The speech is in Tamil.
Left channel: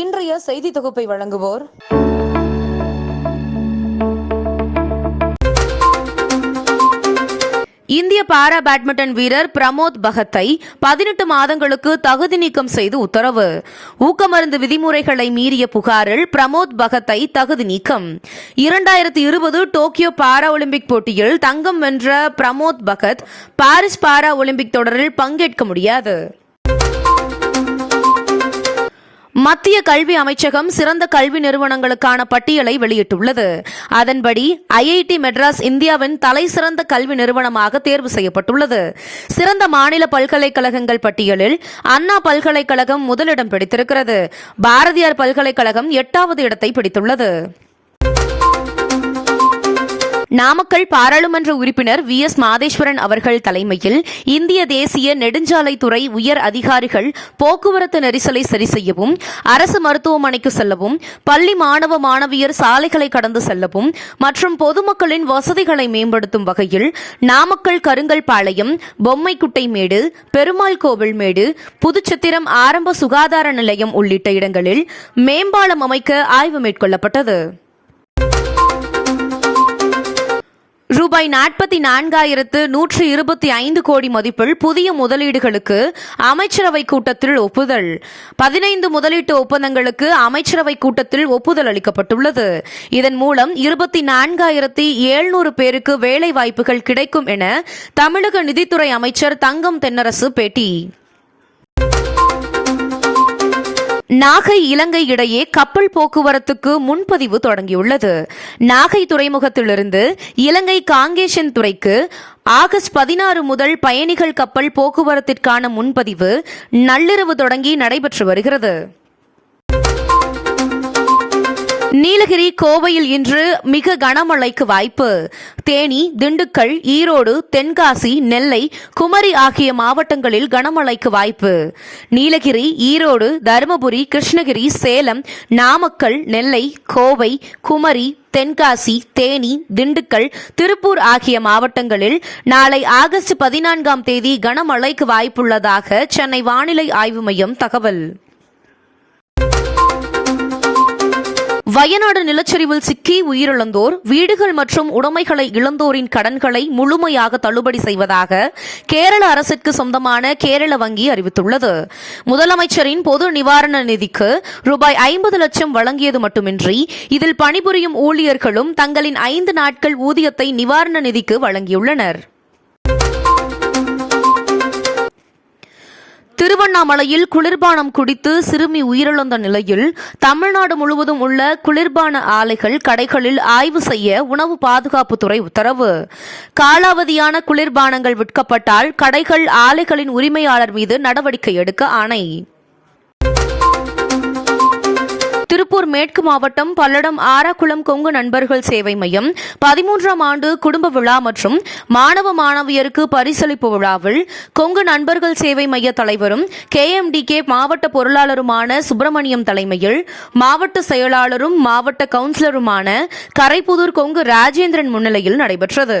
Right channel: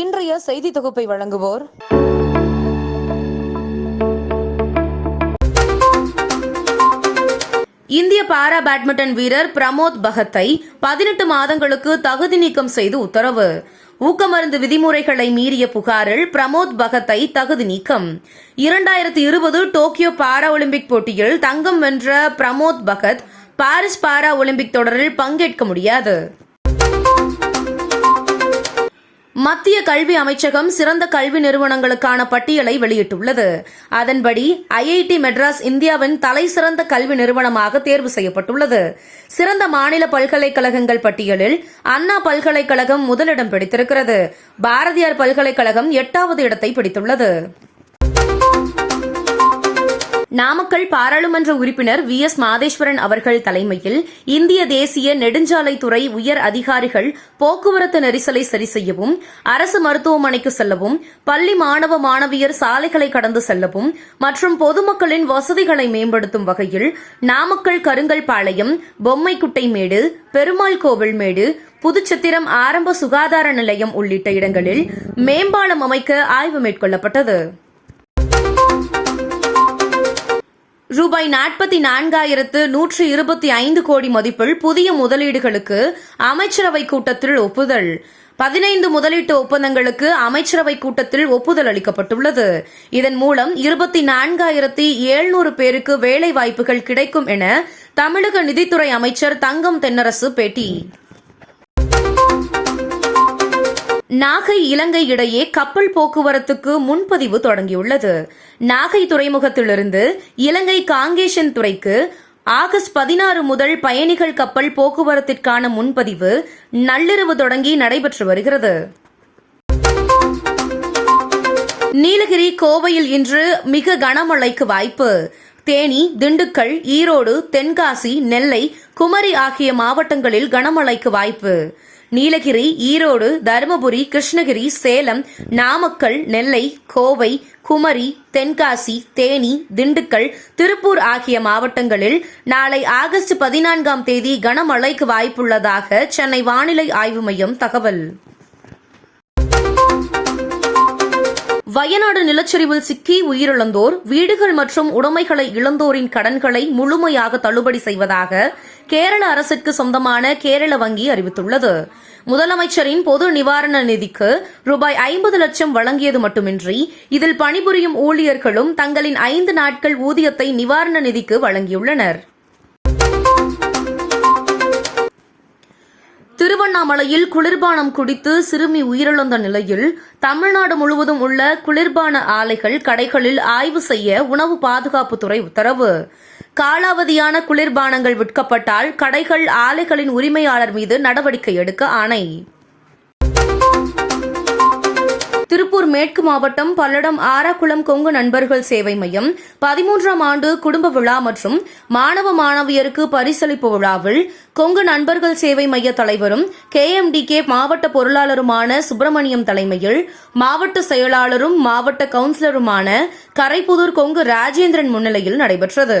இன்றைய செய்தி தொகுப்பை வழங்குவோர். இந்திய பாரா பேட்மிண்டன் வீரர் பிரமோத் பகத்தை பதினெட்டு மாதங்களுக்கு தகுதி நீக்கம் செய்து உத்தரவு. ஊக்கமருந்து விதிமுறைகளை மீறிய புகாரில் பிரமோத் பகத்தை தகுதி நீக்கம். இரண்டாயிரத்தி இருபது டோக்கியோ பாரா ஒலிம்பிக் போட்டியில் தங்கம் வென்ற Pramod Bhagat Paris para Olympic தொடரில் பங்கேற்க முடியாது. மத்திய கல்வி அமைச்சகம் சிறந்த கல்வி நிறுவனங்களுக்கான பட்டியலை வெளியிட்டுள்ளது. அதன்படி ஐஐடி மெட்ராஸ் இந்தியாவின் தலை சிறந்த கல்வி நிறுவனமாக தேர்வு செய்யப்பட்டுள்ளது. சிறந்த மாநில பல்கலைக்கழகங்கள் பட்டியலில் அண்ணா பல்கலைக்கழகம் முதலிடம் பிடித்திருக்கிறது. பாரதியார் பல்கலைக்கழகம் எட்டாவது இடத்தை பிடித்துள்ளது. நாமக்கல் பாராளுமன்ற உறுப்பினர் வி. எஸ். மாதேஸ்வரன் அவர்கள் தலைமையில் இந்திய தேசிய நெடுஞ்சாலைத்துறை உயர் அதிகாரிகள் போக்குவரத்து நெரிசலை சரி செய்யவும் அரசு மருத்துவமனைக்கு செல்லவும் பள்ளி மாணவ மாணவியர் சாலைகளை கடந்து செல்லவும் மற்றும் பொதுமக்களின் வசதிகளை மேம்படுத்தும் வகையில் நாமக்கல் கருங்கல் பாளையம் பொம்மைக்குட்டைமேடு பெருமாள் கோவில் மேடு புதுச்சத்திரம் ஆரம்ப சுகாதார நிலையம் உள்ளிட்ட இடங்களில் மேம்பாலம் அமைக்க ஆய்வு மேற்கொள்ளப்பட்டது. ரூபாய் நாற்பத்தி நான்காயிரத்து நூற்று இருபத்தி ஐந்து கோடி மதிப்பில் புதிய முதலீடுகளுக்கு அமைச்சரவை கூட்டத்தில் ஒப்புதல். பதினைந்து முதலீட்டு ஒப்பந்தங்களுக்கு அமைச்சரவை கூட்டத்தில் ஒப்புதல் அளிக்கப்பட்டுள்ளது. இதன் மூலம் இருபத்தி நான்காயிரத்தி எழுநூறு பேருக்கு வேலை வாய்ப்புகள் கிடைக்கும் என தமிழக நிதித்துறை அமைச்சர் தங்கம் தென்னரசு பேட்டி. நாகை இலங்கை இடையே கப்பல் போக்குவரத்துக்கு முன்பதிவு தொடங்கியுள்ளது. நாகை துறைமுகத்திலிருந்து இலங்கை காங்கேஷன் துறைக்கு ஆகஸ்ட் பதினாறு முதல் பயணிகள் கப்பல் போக்குவரத்திற்கான முன்பதிவு நள்ளிரவு தொடங்கி நடைபெற்று வருகிறது. நீலகிரி கோவையில் இன்று மிக கனமழைக்கு வாய்ப்பு. தேனி திண்டுக்கல் ஈரோடு தென்காசி நெல்லை குமரி ஆகிய மாவட்டங்களில் கனமழைக்கு வாய்ப்பு. நீலகிரி ஈரோடு தருமபுரி கிருஷ்ணகிரி சேலம் நாமக்கல் நெல்லை கோவை குமரி தென்காசி தேனி திண்டுக்கல் திருப்பூர் ஆகிய மாவட்டங்களில் நாளை ஆகஸ்ட் பதினான்காம் தேதி கனமழைக்கு வாய்ப்புள்ளதாக சென்னை வானிலை ஆய்வு மையம் தகவல். வயநாடு நிலச்சரிவில் சிக்கி உயிரிழந்தோர் வீடுகள் மற்றும் உடைமைகளை இழந்தோரின் கடன்களை முழுமையாக தள்ளுபடி செய்வதாக கேரள அரசிற்கு சொந்தமான கேரள வங்கி அறிவித்துள்ளது. முதலமைச்சரின் பொது நிவாரண நிதிக்கு ரூபாய் ஐம்பது லட்சம் வழங்கியது மட்டுமின்றி இதில் பணிபுரியும் ஊழியர்களும் தங்களின் ஐந்து நாட்கள் ஊதியத்தை நிவாரண நிதிக்கு வழங்கியுள்ளனர். திருவண்ணாமலையில் குளிர்பானம் குடித்து சிறுமி உயிரிழந்த நிலையில் தமிழ்நாடு முழுவதும் உள்ள குளிர்பான ஆலைகள் கடைகளில் ஆய்வு செய்ய உணவு பாதுகாப்புத்துறை உத்தரவு. காலாவதியான குளிர்பானங்கள் விற்கப்பட்டால் கடைகள் ஆலைகளின் உரிமையாளர் மீது நடவடிக்கை எடுக்க ஆணை. திருப்பூர் மேற்கு மாவட்டம் பல்லடம் ஆராக்குளம் கொங்கு நண்பர்கள் சேவை மையம். பதிமூன்றாம் ஆண்டு குடும்ப விழா மற்றும் மாணவ மாணவியருக்கு பரிசளிப்பு விழாவில் கொங்கு நண்பர்கள் சேவை மைய தலைவரும் கேஎம்டிகே மாவட்ட பொருளாளருமான சுப்பிரமணியம் தலைமையில் மாவட்ட செயலாளரும் மாவட்ட கவுன்சிலருமான கரைப்புதூர் கொங்கு ராஜேந்திரன் முன்னிலையில் நடைபெற்றது.